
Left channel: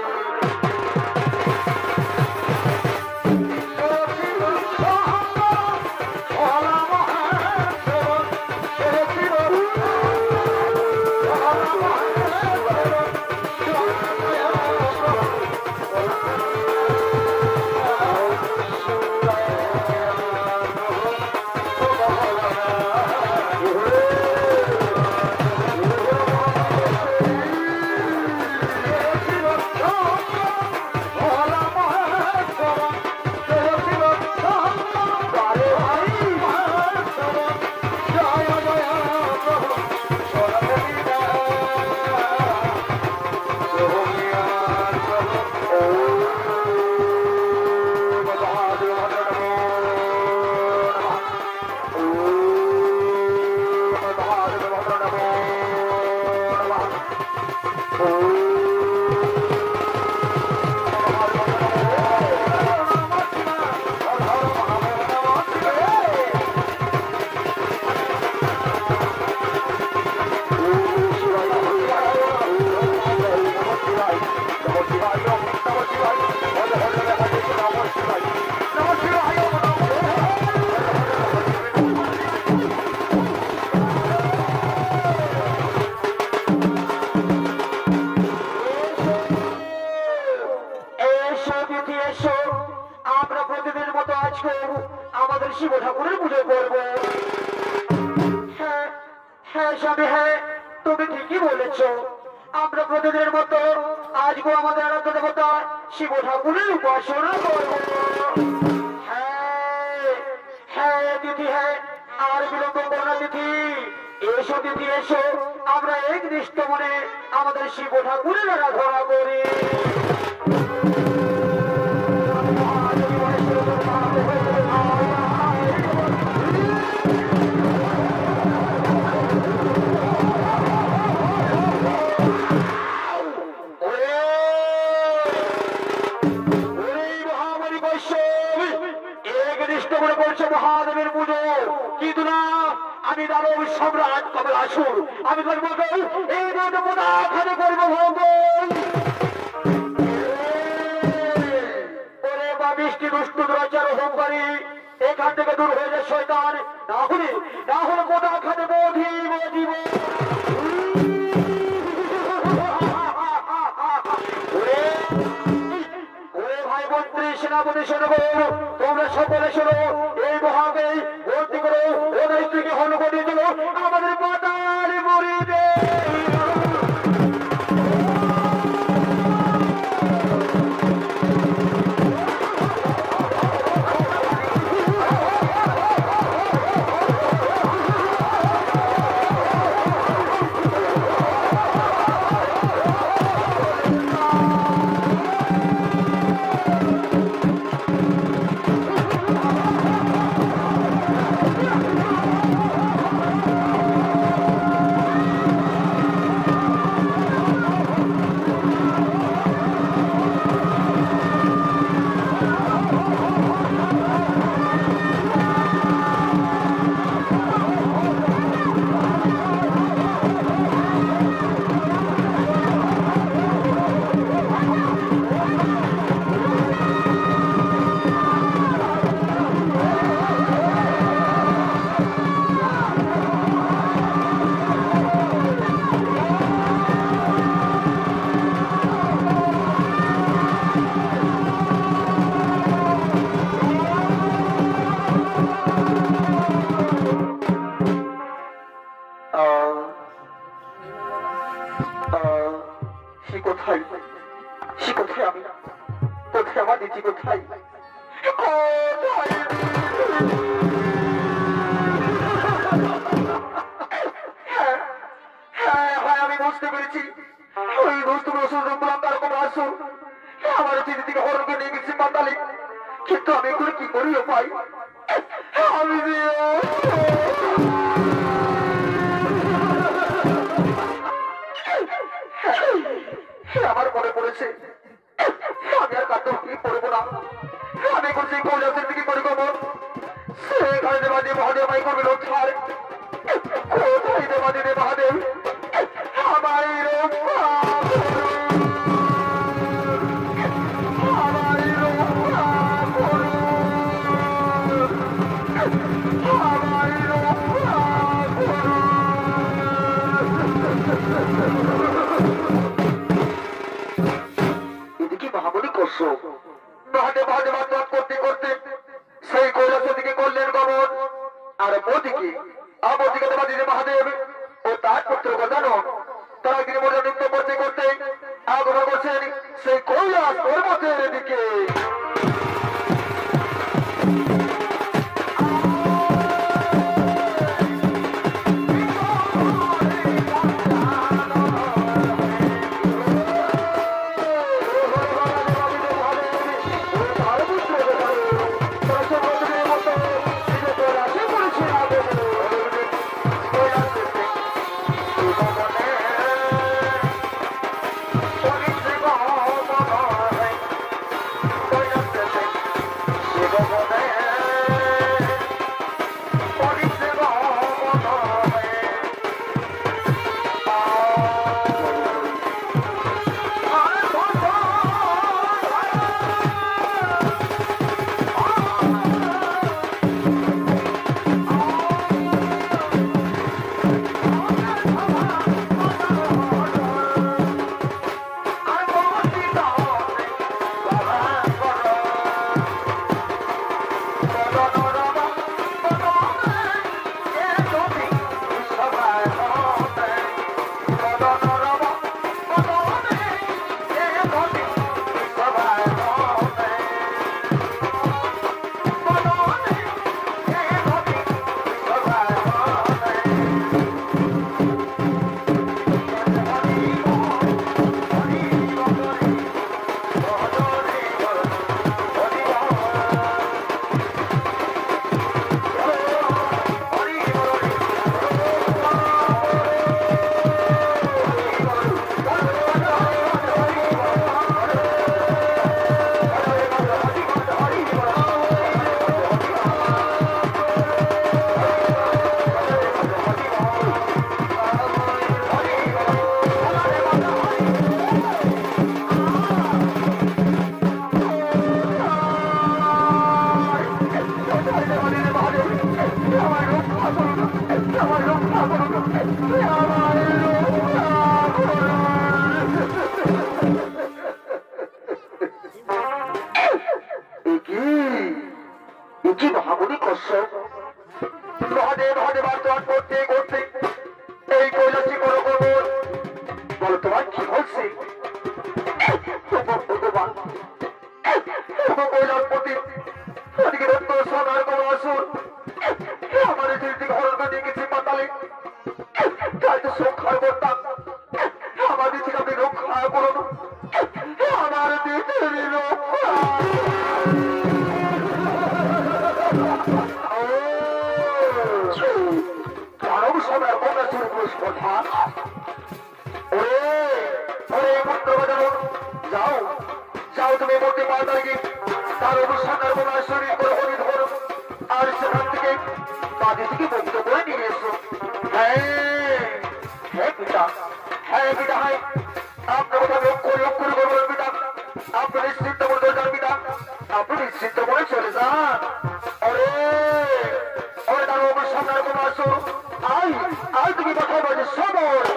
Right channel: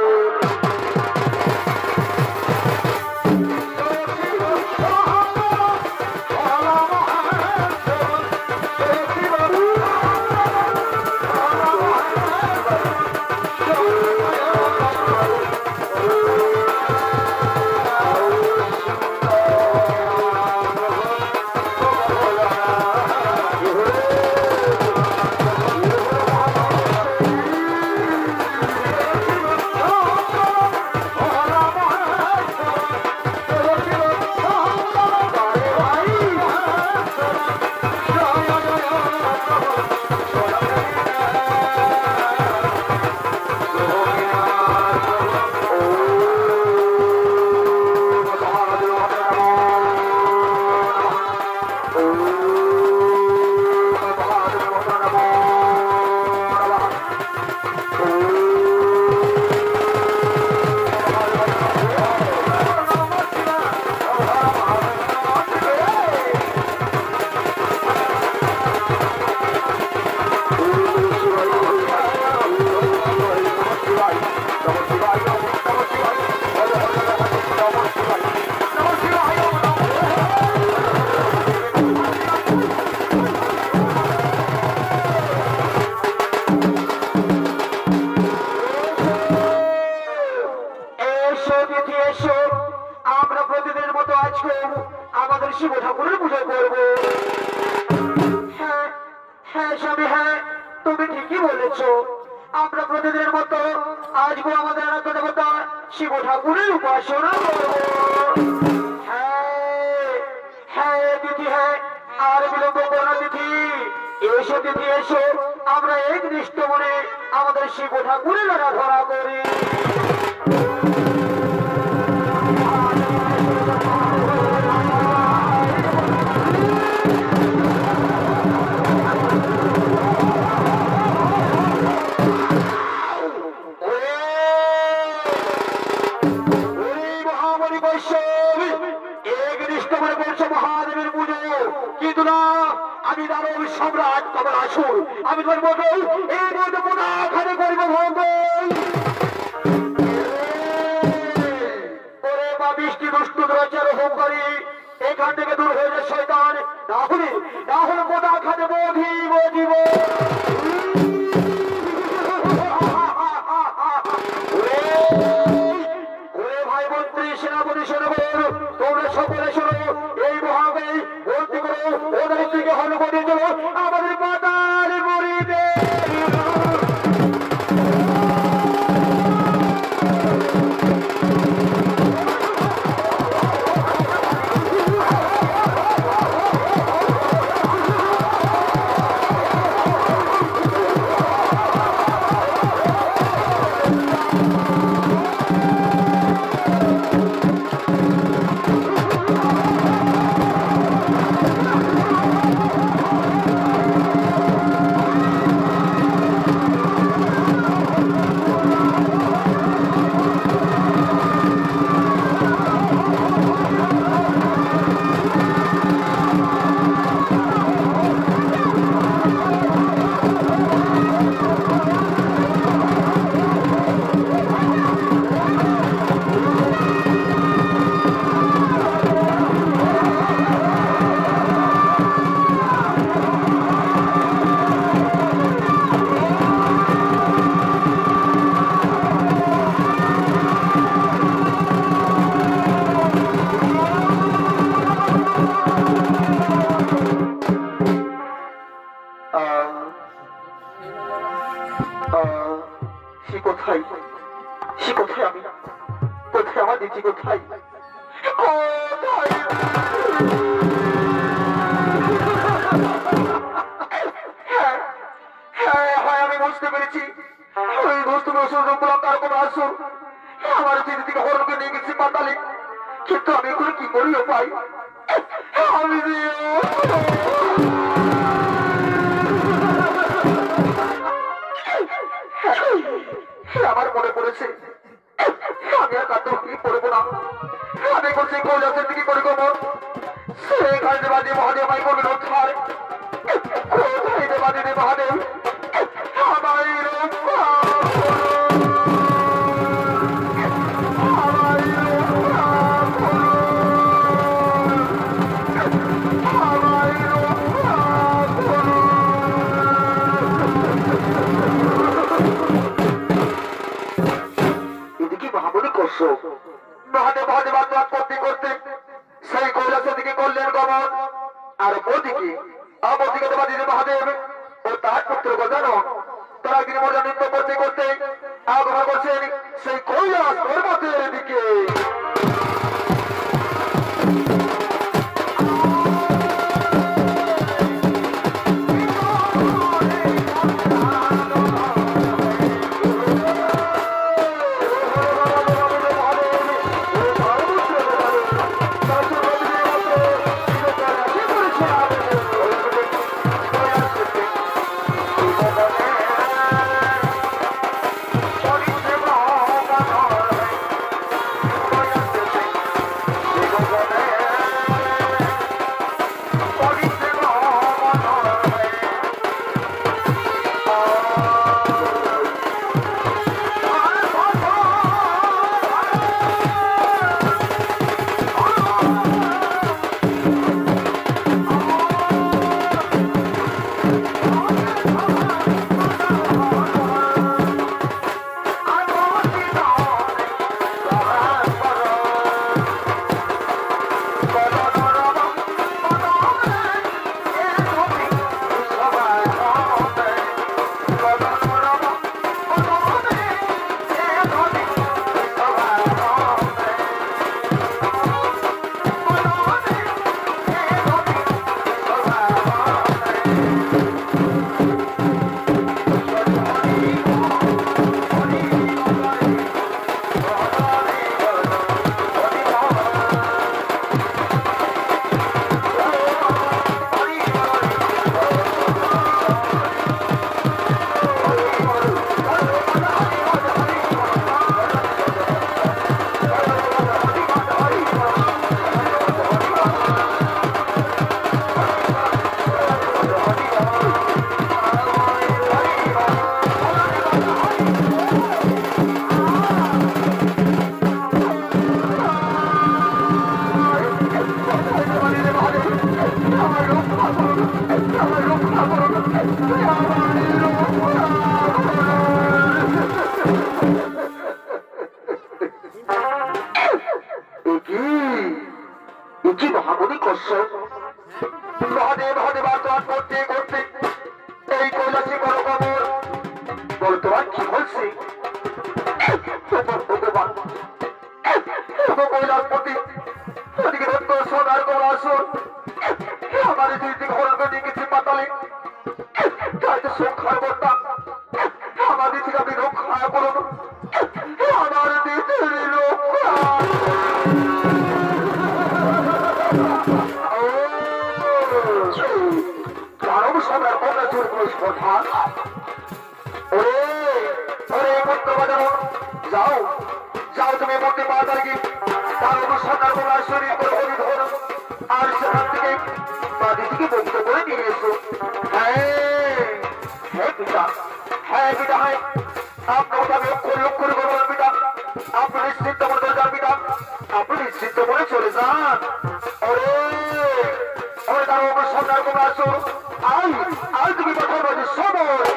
আমরা প্রতিদিনের মতো আজকে আমাদের শিব ঠাকুরের পুজো করব। হ্যাঁ হ্যাঁ স্বামী, হ্যাঁ তুমি ঠিকই বলেছ। আমরা প্রতিদিনের মতো আজকে আমাদের আরাধ্য দেবতা শিব ঠাকুরের উপাসনা করব। হ্যাঁ হ্যাঁ তিথি, হ্যাঁ আর বিলম্ব করো তিথি। এসো তিথি এসো, আমরা একনিষ্ঠ মনে আমাদের শিব ঠাকুরের আরাধনা করি। মহাদেবের পুজো কিন্তু না, আমি দানব সম্রাট কমলাসুর, আমি করবো এই খালি করবো বা বৃষ্টি দুষ্টু দুরাচার হোমকারী এখান থেকে দূর হয়ে যায় শয়তান, না হলে মোটা খানে বধিব। ভাই মন্ত্রী সেনাপতি সেনাপতি তোমরা সকলে শোনো, এই মহাকে ভর্তি করে ওদের স্ত্রীকে হন করে দিল আমাদের পাতাল মরিবে। কোথায়, সে কোথায়, আমি কোথায়, আমার দিদি কোথায়, কোথায়? হ্যাঁ, আমি বুঝতে পেরেছি, ওই দোস্ত তার কোনো আসুন আমার দিদি থেকে হরণকে নিয়ে গেছি পাতালে, কিন্তু আমি এগুলো কি করিও পাই, আমি আমার মনে পড়েছে আমি আর কাটতে কি পড়বো না, আমি করছি কৈলাসের দিকে করে করবো, সেখানে দেবাদি মহাদেব ভাই করবেন উদ্ধার, কোথায় দেবাদি রে মহাদেব আমায় রক্ষা মহাদেব মহাদেব আত্মহাত করতে করতে সেই কৈলাসের দিকে করলেন গমন, আর ওদিকে অপরদিকে দেবাদিদেব মহাদেব ও তার পুত্র গজানো তারা একদিন মজা নৃত্য করতে করতে আগমন করছেন সেই কৈলাস পর্বতের দিকে। মহামণি কশ্যপ মহাদেব মহাদেব আত্মহাত করতে করতে এই কৈলাসে বড় খবর বলো তোমার কি হচ্ছে কৈলাসপতি ওদিকে রক্ত সোনার কোনো আসর আমার দুই দিকে হরণকে নিয়ে গেছি পাতালে তাই তো সংখ্যার বর্তা আমাদের থেকে আপনি রক্ষা করুন আমার দেশের রক্ষা কারণ সবার কোনো স্পর্ধা ওরে পুত্র বাজানো যাও যাও তুমি মূর্তি পা দাঁড়িয়ে তার অনুষ্ঠানের কোনো শরীর করে হরি ধরো আর সেখান থেকে বাদি থেকে মুক্ত করে নিয়ে এসো। হ্যাঁ পিতা হ্যাঁ আপনার কথা লক্ষ্য করে বলবেন পিতা আপনি নিশ্চিন্ত মনে করে যান পিতা আপনি নিশ্চিন্ত মনে চলে যান ওরে ওরে তার অনুষ্ঠানের কোনো আসো আই তুমি কথা বলছি সময়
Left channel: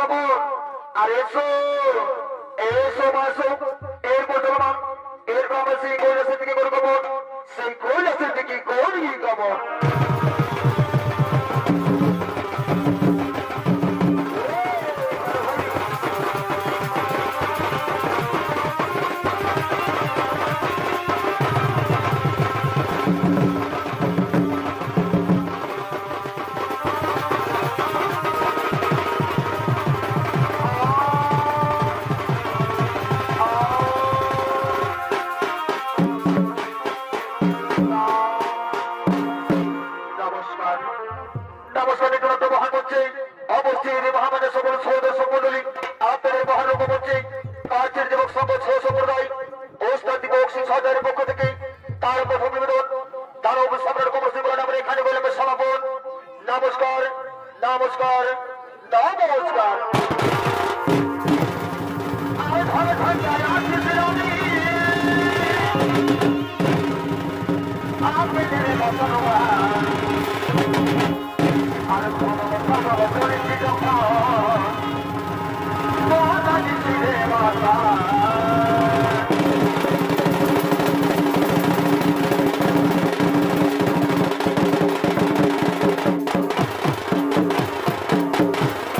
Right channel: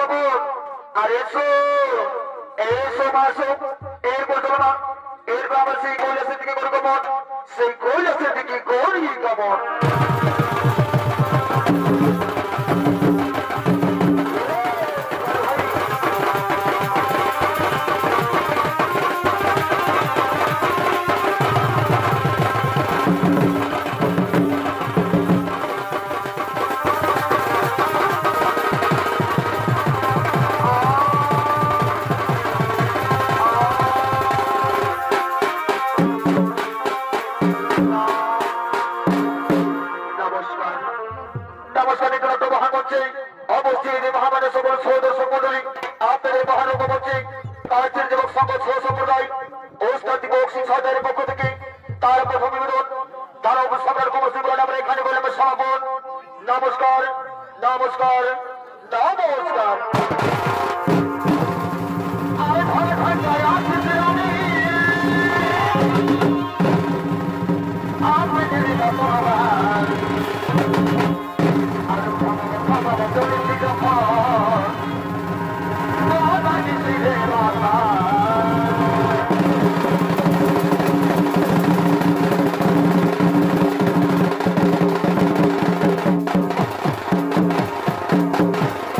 কবর আর এসো এসো মাসো এরপর দেবে না এরপর আমরা সেই কৈলাসের দিকে করি কবর সেই কৈলাসের দিকে করি কবর সম্প্রদায় ওস্তাদ দিবস 6,000